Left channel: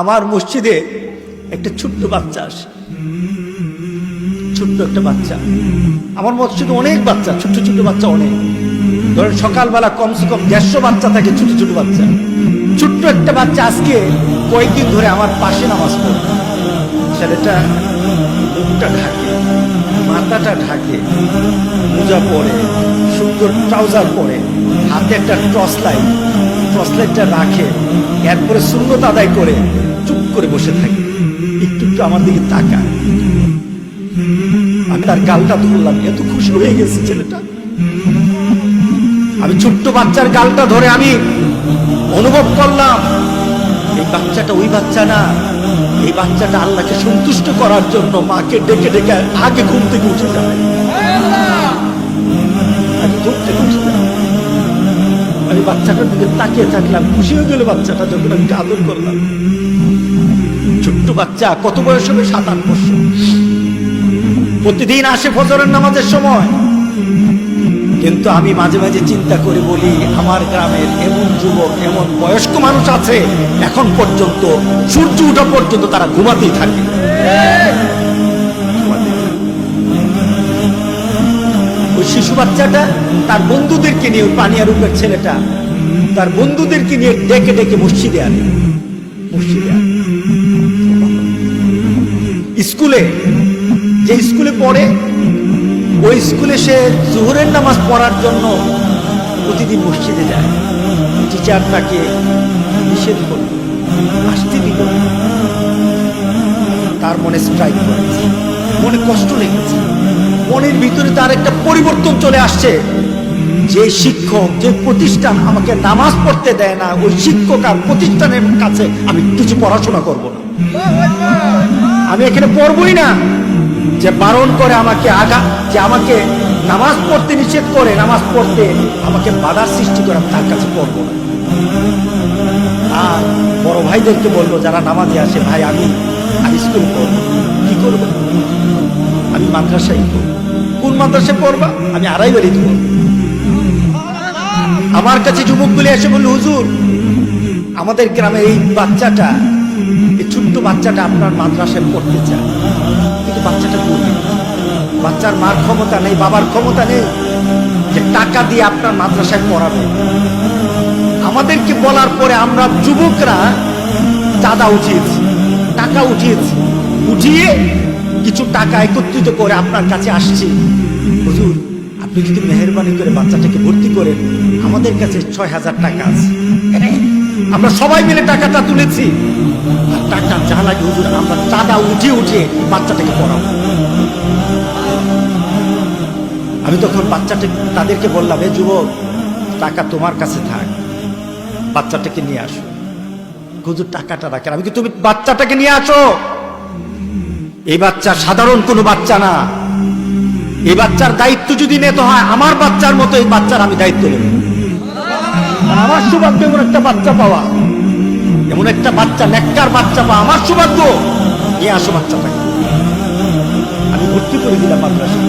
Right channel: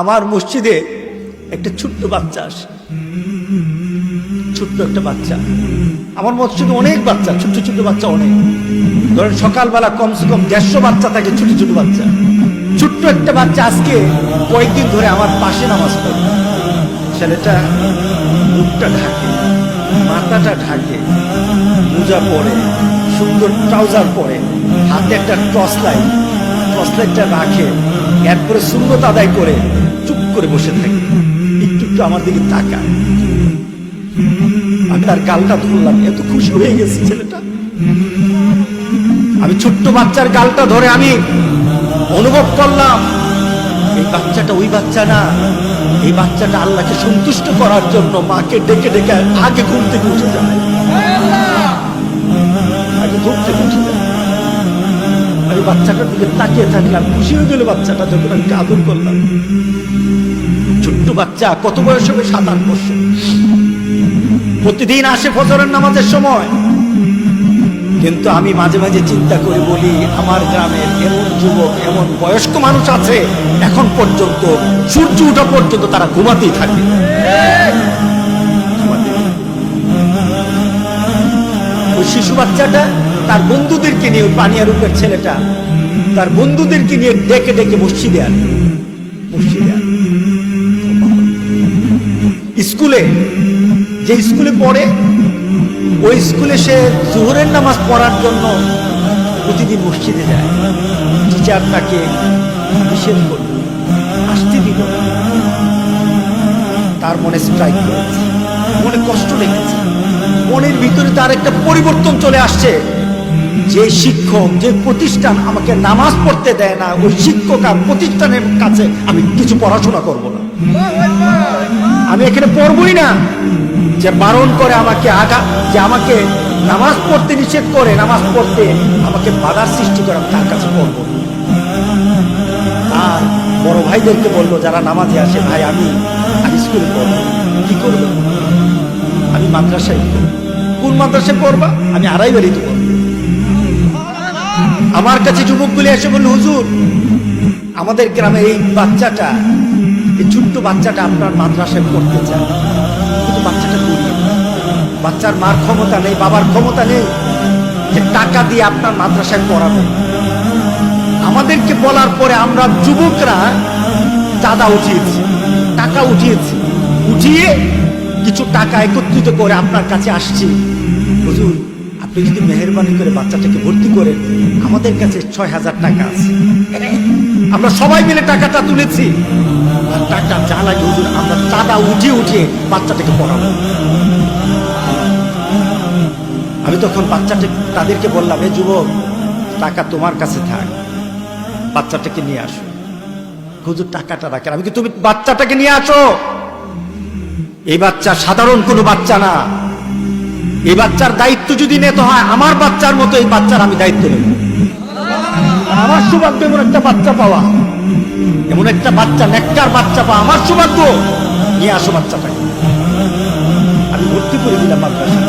আমার মসজিদে একটা ছোট্ট বাচ্চা আসে, ছোট্ট একটা বাচ্চা। আমার মসজিদে অনেক বাচ্চা, ছোট্ট ছোট্ট বাচ্চা অনেক। ধরেন সকালবেলা কমসে কম 150 বাচ্চা থাকে, ছোট ছোট বাচ্চা। ছোট্ট একটা বাচ্চা আজকে কয়েকদিন ধরে আমার পাশে নামাজ পড়ে। ছেলেটা মুখটা ঢাকে, মাথাটা ঢাকে, মোজা পরে, সুন্দর ট্রাউজার পরে, হাতে একটা টর্চ লাইটটা রাখে, এরপরে সুন্নত আদায় করে চুপ করে বসে থাকে, একটু একটু আমার দিকে তাকায়। আমি তার গালটা ধরলাম, এত খুশি হয়ে গেছে ছেলেটা। আমি ছোট্ট বাচ্চার গালটা ধরে আমি অনুভব করলাম এই বাচ্চাটা ওই বাচ্চা না, এই বাচ্চাটা আল্লাহকে সন্তুষ্ট করার জন্য মাকে ডেকে ডেকে আগে ঘুম থেকে উঠে যায়, আগে ঘুম থেকে উঠে যায়। আমি বাচ্চাটার দিকে তাকিয়ে থাকলাম, খুশি হয়ে গেল বাচ্চাটা যখন আমি আদর করলাম। ছোট্ট বাচ্চা, কত বয়স হবে? 7-8 বছর। প্রতিদিন আসে ফজরের নামাজের সময়। কিন্তু আমি মাঝে মাঝে চিন্তা করে বলি, আমার গ্রামের এমন যুবক, এমন বয়স্ক মানুষ আছে এখন পর্যন্ত সূর্য ওঠা পর্যন্ত তারা ঘুমাতেই থাকে। ওই শিশু বাচ্চাটা তার বন্ধুদেরকে নিয়ে, ওই পানিয়ারূপের ছেলেটা তার বন্ধুদেরকে নিয়ে ডেকে ডেকে মসজিদে আনে। স্কুলে, যে স্কুলে পড়ে, ওই স্কুলে সে জোহরের নামাজ পড়ার জন্য প্রতিদিন মসজিদে যায়। টিচার তাকে নিষেধ করল, আসতে দিল না। তার মনে স্ট্রাইক করেছে, মনে কষ্ট লেগেছে, মনের ভিতরে তার একটা পরিবর্তন চলে আসছে। যে শিক্ষক, যে প্রতিষ্ঠান আমাকে নামাজ পড়তে দেয় না, ওই শিক্ষক আর প্রতিষ্ঠানের কাছে আমি কিছু পড়াশোনা করব না, আমি এখানে পড়বই না। যে বারণ করে আমাকে যে আমাকে নামাজ পড়তে নিষেধ করে, নামাজ পড়তে আমাকে বাধার সৃষ্টি করে, আমি তার কাছে পড়বো না। আর বড় ভাইদেরকে বলবো যারা নামাজে আসে, ভাই আমি স্কুলে পড়বো। কি করবো? আমি মাদ্রাসায় পড়বো। কোন মাদ্রাসায় পড়বা? আমি আড়াইবাড়িতে পড়বো। আমার কাছে যুবকগুলি এসে বলল, হুজুর আমাদের গ্রামের এই বাচ্চাটা, এই ছোট্ট বাচ্চাটা আপনার মাদ্রাসায় পড়তে চায়, কিন্তু বাচ্চাটা গরিব, বাচ্চার মার ক্ষমতা নেই, বাবার ক্ষমতা নেই যে টাকা দিয়ে আপনার মাদ্রাসায় পড়াবে। আমাদেরকে বলার পরে আমরা যুবকরা চাঁদা উঠিয়েছি, টাকা উঠিয়ে কিছু টাকা একত্রিত করে আপনার কাছে আসছি। হুজুর আপনি যদি মেহেরবানি করে বাচ্চাটাকে ভর্তি করেন, আমাদের কাছে 6000 টাকা আছে। আমরা সবাই মিলে টাকাটা তুলেছি, আর টাকা যা লাগে হুজুর আমরা চাঁদা উঠিয়ে বাচ্চাটাকে পড়াবো। আমি তখন তাদেরকে বললাম, এ যুবক, টাকা তোমার কাছে থাক, বাচ্চাটাকে নিয়ে আসো। হুজুর টাকাটা রাখেন। আমি কি, তুমি বাচ্চাটাকে নিয়ে আসো। এই বাচ্চা সাধারণ কোনো বাচ্চা না, এই বাচ্চার দায়িত্ব যদি নিতে হয় আমার বাচ্চার মতো এই বাচ্চার আমি দায়িত্ব নেব। আমার সৌভাগ্য এমন একটা বাচ্চা পাওয়া, এমন একটা বাচ্চা, নেককার বাচ্চা পাওয়া আমার সৌভাগ্য। নিয়ে আসো বাচ্চাটাকে। আমি ভর্তি করে দিলাম মাদ্রাসা।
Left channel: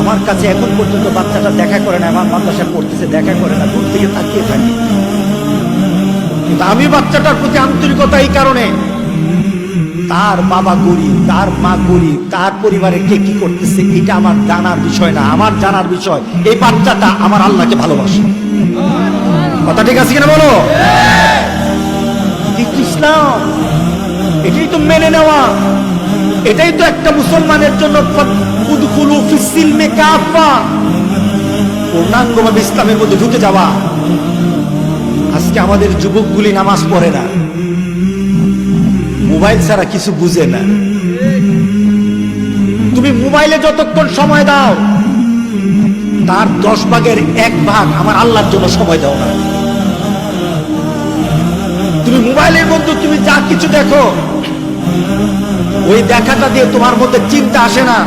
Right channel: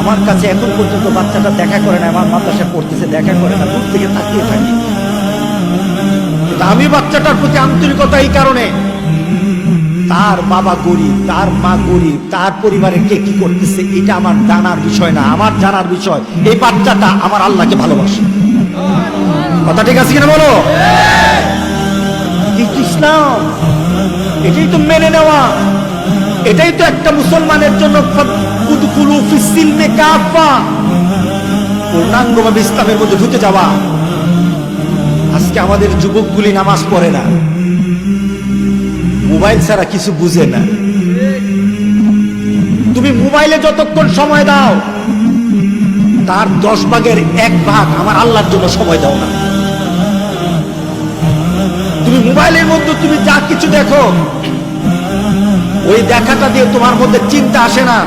আমার কাছে এখন পর্যন্ত বাচ্চাটা দেখা করে না, আমার মাদ্রাসায় পড়তেছে দেখা করে না, দূর থেকে তাকিয়ে থাকি। কিন্তু আমি বাচ্চাটার প্রতি আন্তরিকতা এই কারণে, তার বাবা গরিব, তার মা গরিব, তার পরিবারে কে কি করতেছে এটা আমার জানার বিষয় না, আমার জানার বিষয় এই বাচ্চাটা আমার আল্লাহকে ভালোবাসে। কথা ঠিক আছে কিনা বলো? এটাই তো ইসলাম, এটাই তো মেনে নেওয়া, এটাই তো একটা মুসলমানের জন্য পূর্ণাঙ্গভাবে ইসলামের মধ্যে ঢুকে যাওয়া। আজকে আমাদের যুবকগুলি নামাজ পড়ে না, মোবাইল ছাড়া কিছু বুঝে না। তুমি মোবাইলে যতক্ষণ সময় দাও তার 10 ভাগের 1 ভাগ আমার আল্লাহর জন্য সময় দাও না। তুমি মোবাইলের মধ্যে তুমি যা কিছু দেখো, ওই দেখাটা দিয়ে তোমার মধ্যে চিন্তা আসে না,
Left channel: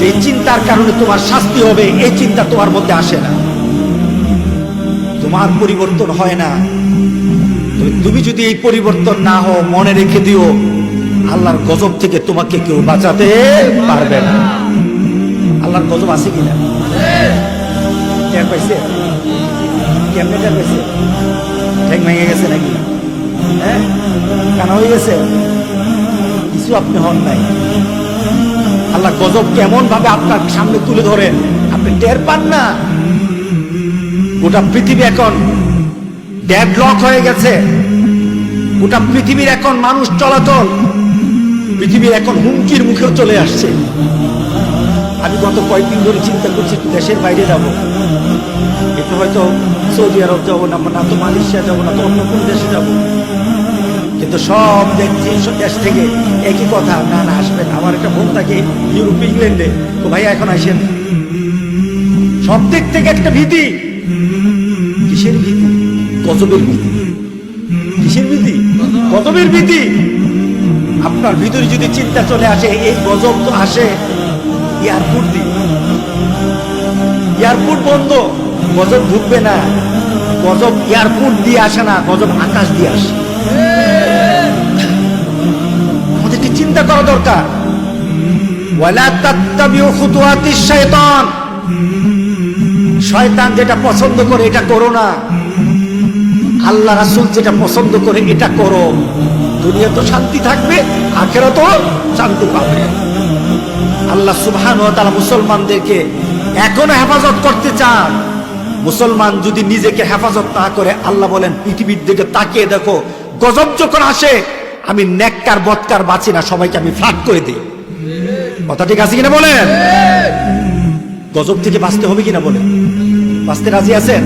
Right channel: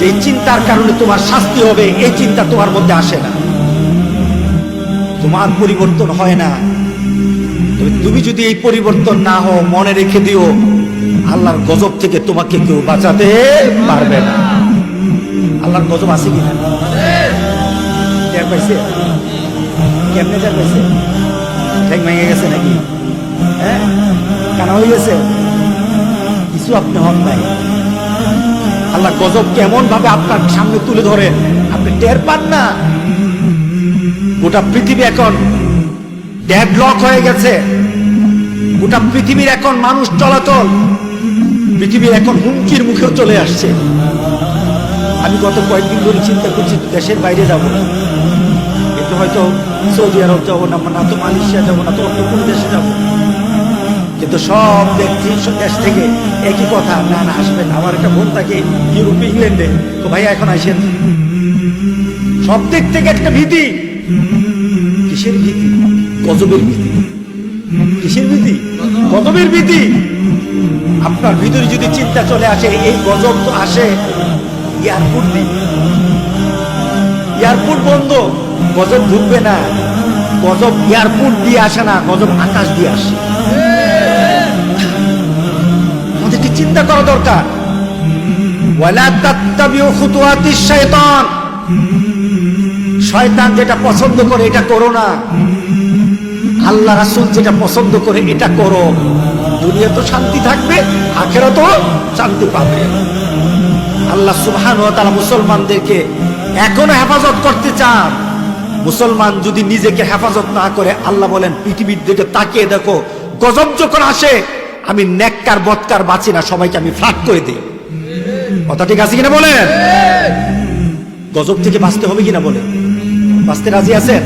যে চিন্তার কারণে তোমার শাস্তি হবে, এই চিন্তা তোমার মধ্যে আসে না, তোমার পরিবর্তন হয় না। তুমি যদি এই পরিবর্তন না হও, মনে রেখে দিও আল্লাহর গজব থেকে তোমাকে কেউ বাঁচাতে পারবে না। আল্লাহর গজব আছে কিনা টের পাইছে? কেমনে টের পাইছে? ঠ্যাং ভেঙে গেছে নাকি? হ্যাঁ, কানা হয়ে গেছে, কিছু আপনি হন নাই। আল্লাহ গজব কেমন ভাবে আপনার সামনে তুলে ধরে আপনি টের পান না। গোটা পৃথিবী এখন ডেডলক হয়ে গেছে, গোটা পৃথিবীর এখন মানুষ চলাচল, পৃথিবীর এখন হুমকির মুখেও চলে আসছে। আমি গত কয়েকদিন ধরে চিন্তা করছি দেশের বাইরে যাব, একটু হয়তো সৌদি আরব যাবো না তো মালয়েশিয়া যাবো না তো অন্য কোনো দেশে যাব, কিন্তু সব দেশ থেকে একই কথা, না না আসবেন। আমার একটা বোন থাকে ইউরোপে, ইংল্যান্ডে, তো ভাইয়া এখন আসেন। সব দিক থেকে একটা ভীতি। কিসের ভীতি? গজবের ভীতি। কিসের ভীতি? গজবের ভীতি। আপনার ভিতরে যদি চিন্তা চলে আসে, এই গজব তো আসে এয়ারপোর্ট দিয়ে, এয়ারপোর্ট বন্ধ, গজব ঢুকবে না। গজব এয়ারপোর্ট দিয়ে আসে না, গজব আকাশ দিয়ে আসে। আমাদেরকে চিন্তা করা দরকার। ওয়ালা তাত্তাবিউ খুতুওয়াতিশ শায়তান, শয়তান যেটা পছন্দ করে এটা করো না, আল্লাহ রাসূল যেটা পছন্দ করে এটা করো। দুনিয়া তো শান্তি থাকবে, আখিরাতেও শান্তি পাবে। আল্লাহ সুবহানাহু ওয়া তাআলা মুসলমানদেরকে এখনো হেফাজত করতে চান। মুসলমান যদি নিজেকে হেফাজত না করে, আল্লাহ বলেন পৃথিবীর দিকে তাকিয়ে দেখো, গজব যখন আসে আমি নেককার বদকার বাঁচি না, সবাইকে আমি ফ্লাট করে দিই। কথা ঠিক আছে কিনা বলেন? গজব থেকে বাঁচতে হবে কিনা বলেন? বাঁচতে রাজি আছেন?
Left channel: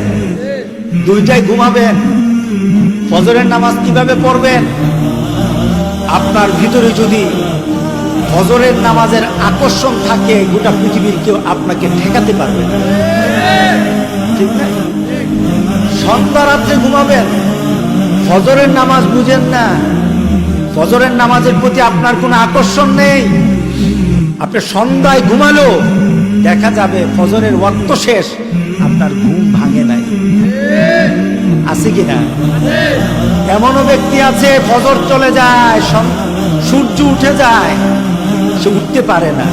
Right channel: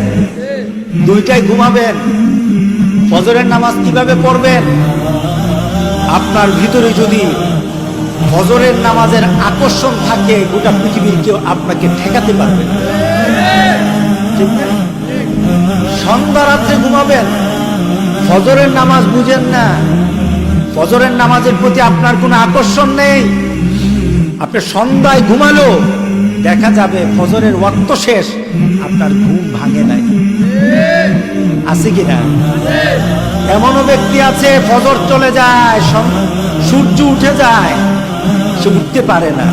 দুইটাই ঘুমাবেন। ফজরের নামাজ কিভাবে পড়বেন? আপনার ভিতরে যদি ফজরের নামাজের আকর্ষণ থাকে, গোটা পৃথিবীর কেউ আপনাকে ঠেকাতে পারবে না, ঠিক না? সন্ধ্যা রাত্রে ঘুমাবেন, ফজরের নামাজ বুঝেন না, ফজরের নামাজের প্রতি আপনার কোনো আকর্ষণ নেই, আপনি সন্ধ্যায় ঘুমালো, দেখা যাবে ফজরের ওয়াক্ত শেষ, আপনার ঘুম ভাঙে নাই। আছে কিনা? এমনও ব্যক্তি আছে ফজর চলে যায়, সূর্য উঠে যায়, সে উঠতে পারে না।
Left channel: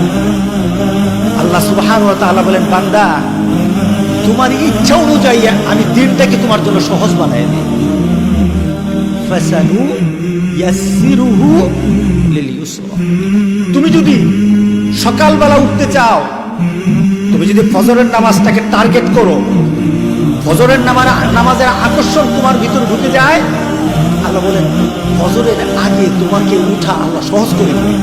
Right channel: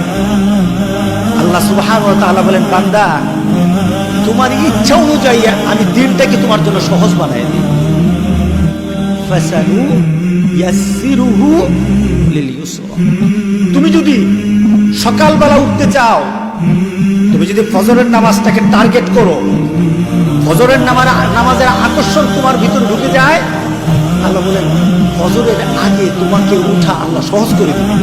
আল্লাহ সুবহানাহু ওয়া তাআলা বলেন, বান্দা তোমার ইচ্ছা অনুযায়ী আমি দিনটাকে তোমার জন্য সহজ বানায় দিই। ফাসানু ইয়াসসিরুহু লিল ইউসরা। তুমি যদি সকালবেলা উঠতে চাও, তুমি যদি ফজরের নামাজটাকে টার্গেট করো, ফজরের নামাজের আকর্ষণ তোমার ভিতরে ঢুকে যায়, আল্লাহ বলেন ফজরের আগে তোমাকে উঠা আল্লাহ সহজ করে দিবে।